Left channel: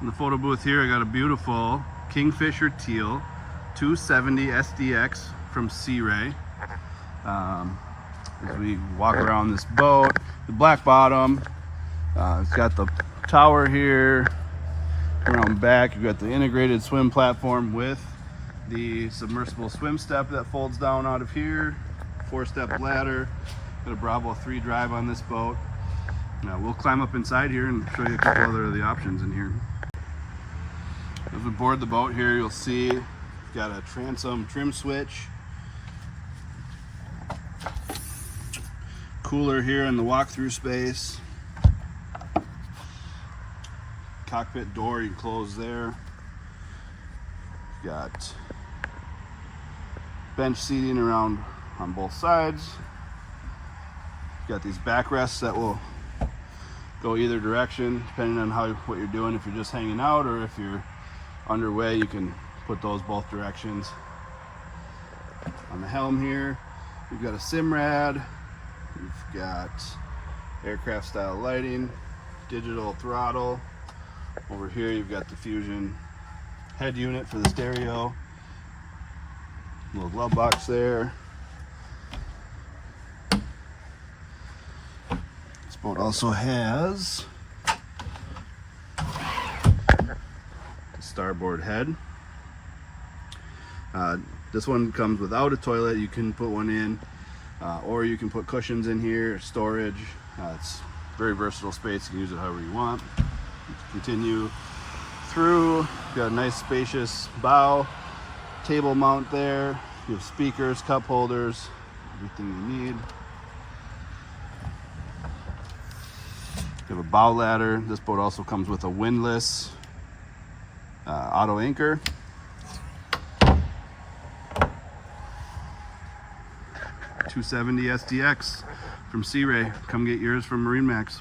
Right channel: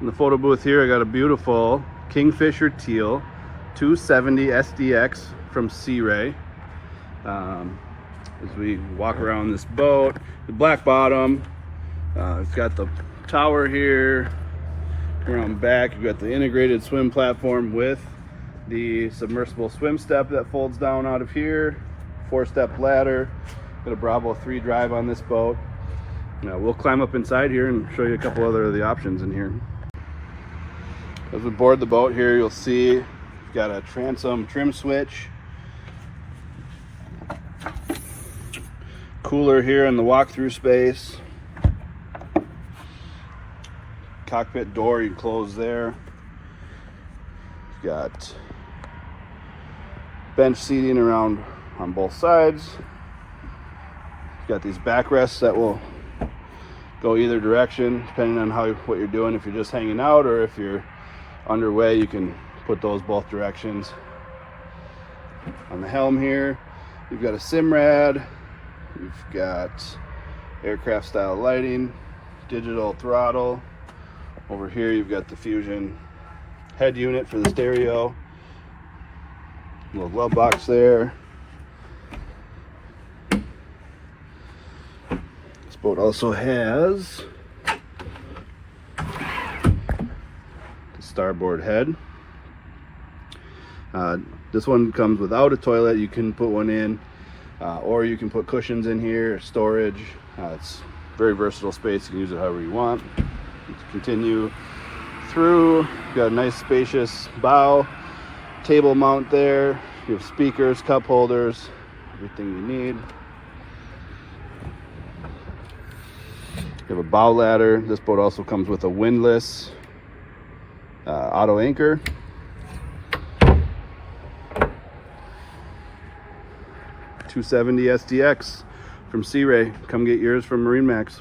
In the photo booth here, I got a beautiful Kingfisher Teal 270 SDX from Sea Ray. As we walk around this boat, the black bottom, it's got the tower here. Around back, you've got the integrated swim platform with the submersible swim step that folds down out of here. 4-step ladder. Got a BravoThree drive on this boat. Now we'll climb up inside here and show you a couple other of the options in here. As we board the boat here, you'll see we've got a Transom Trim Switch. Cooler here in the walk-through space. Cockpit door you can close there. You've got bench seating around on both sides. You've got these backrests that will go either direction depending on what you're doing. If you're just hanging out or if you're underway, you can put those both directions. On the helm here, you've got a Simrad. You've got aircraft style lighting, digital throttle. Over here you've got the Fusion head unit for the stereo. Little glove box there. This boat also has the starboard head. This one comes without a toilet. You can put one in. Or you can put cushions in here, storage. It's very versatile space. You can use it however you want. Let's continue through. You've got a nice spacious bow, table mount there. You have speakers, cup holders, everything you need. You have a bow ladder. This boat also comes with a windlass auto anchor. 270 SDX from Sea Ray. Come get yours from MarineMax.